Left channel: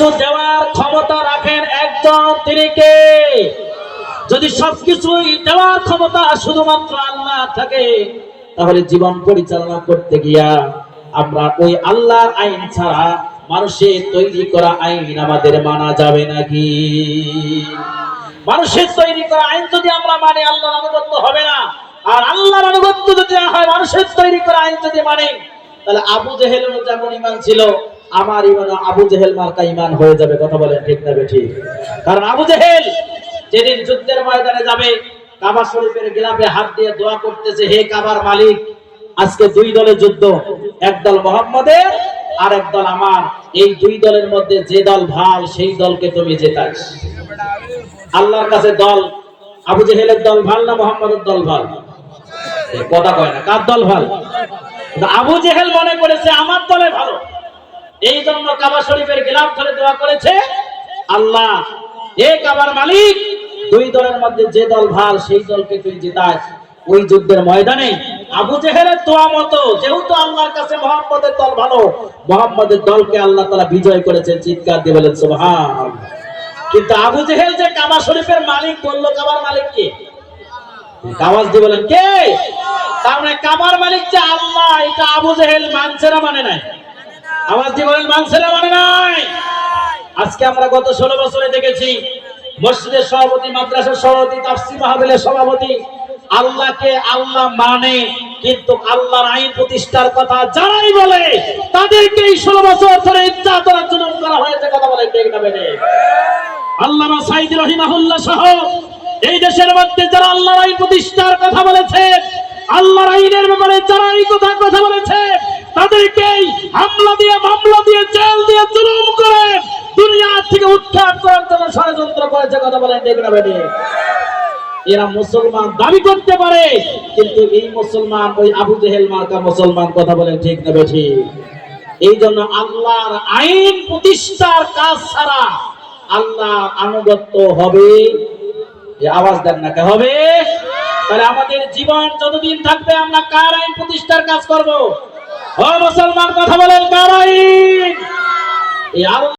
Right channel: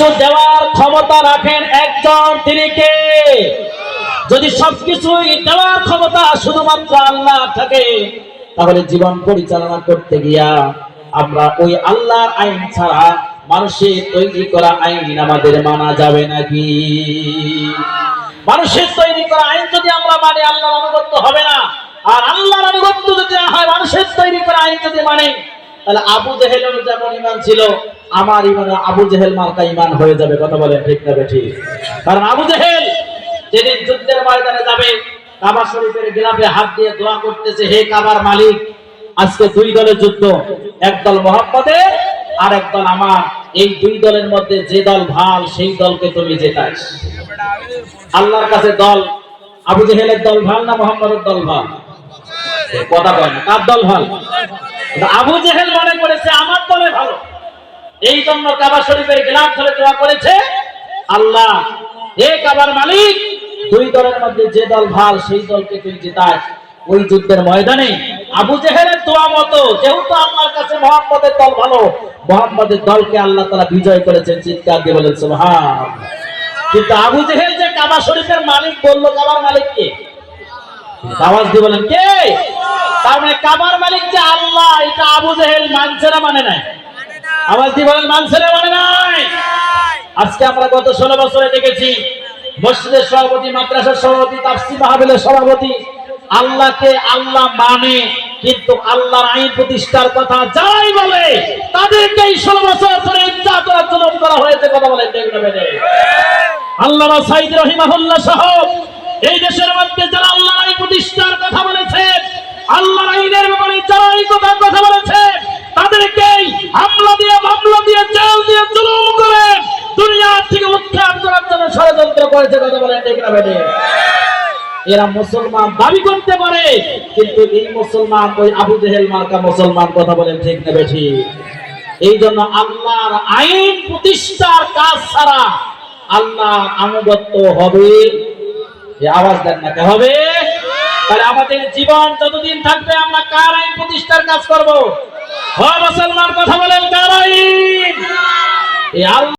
সবকিছু দেওয়ার ক্ষমতা রাখেন একজন, তিনি কে? যদি সবকিছুই দেওয়ার ক্ষমতা শুধুমাত্র আল্লাহ থাকে, তাহলে জীবন পরিচালনা করতে গিয়া আমরা ওই আল্লাহর আইন ছাড়া মানুষের তৈরি করা আইন আমাদের মানা যাবে নাকি মানুষের তৈরি করা আইন যদি আমরা মানি, আল্লাহর আনুগত্য হবে না। আর আল্লাহর আনুগত্য যদি হয়, মানুষের তৈরি করা আইন যদি মানে তাহলে আবু জেহেলের যেমন ইমান ছিল আমার ইমান আবু জেহেল মার্কা ইমান হয়ে যাবে, কথা বলেন ঠিক না ঠিক কারণ আবু জেহেল যেদিন যুদ্ধের ময়দানে যাবে, কাবা শরীফের গিলাফে হাত দিয়ে দোয়া করতেছে, হে কাবার মালিক, আজকে দুই দলের যুদ্ধ একদল মোহাম্মদের আর একদল আমার। এই দুই দলের মধ্যে যে দল ভালো, সেই দলকে তুমি জেতাস আল্লাহর কাছে দল, আবু জেহেলের দল ভালো না মোহাম্মদের দল ভালো? কথা কয় না, কার দল ভালো? আবু জেহেল মনে করেছে, আমার দলে ভালো। এই জন্য কাবা শরীফের গিলাফ ধরে দোয়া করেছে, আল্লাহ এ কাবার মালিক, দুই দলের মধ্যে যে দল ভালো, সেই দলকে তুই জেতাস। ওই যুদ্ধের ময়দানে আবু জেহেলের দোয়া মতো, যেহেতু আল্লাহর কাছে মোহাম্মদের দল ভালো, মোহাম্মদের দলকে আল্লাহ তারা বিজয় করেছেন, চিৎকার দিয়ে বলেন, সুবহান। কিন্তু আবু জেহেল যে কাবা শরীফের মালিক বলল, কাবার মালিক কে? আওয়াজ দিয়ে বলেন, কে? তার মানে কাবার মালিক যে আল্লাহ, এটা আবু জেহেল মানছে না মানে নাই। আওয়াজ দিয়ে বলেন মানছে না মানে আজকে আমরা গত ষোলো বছরে দেখেছি, মসজিদের সভাপতি, মাদ্রাসার সভাপতি, তাফসির মাহবিলের সভাপতি, আল্লাহকে আল্লাহ মানে কিন্তু আল্লাহর আইন প্রতিষ্ঠার কথা যারাই বলে, তাদেরকে এই ষোলো বছর ধরে ইচ্ছা জুলুম করা হয়েছে, কথা বলে না সাইদ রহিমাহুল্লাহ সহ এই দেশের মধ্যে যারা আল্লাহর আইন প্রতিষ্ঠার কথা বলেছে, আল্লাহর আইনের ব্যাপারে যারা এই কথা কথা বলেছে তাদেরকেই ষড়যন্ত্র করেছে কথা বলে ঠিক না এরা মুসলমান, দাবি করতে পারে, কিন্তু এই মুসলমান, ওই আবু জেহেল মার্কা মুসলমান কথা বলেন, ঠিক নেবে ঠিক এই জন্য আল্লাহর আইন প্রতিষ্ঠার কাজ ছাড়া আল্লাহ আনুগত্য হবে। আওয়াজ দেন না, কে হবে? তাহলে আমাদের জীবন যতদিন থাকবে, আমরা কার আইন প্রতিষ্ঠার কাজ করব? হ মুসলমান, কথা বলেন, কার আইন? এই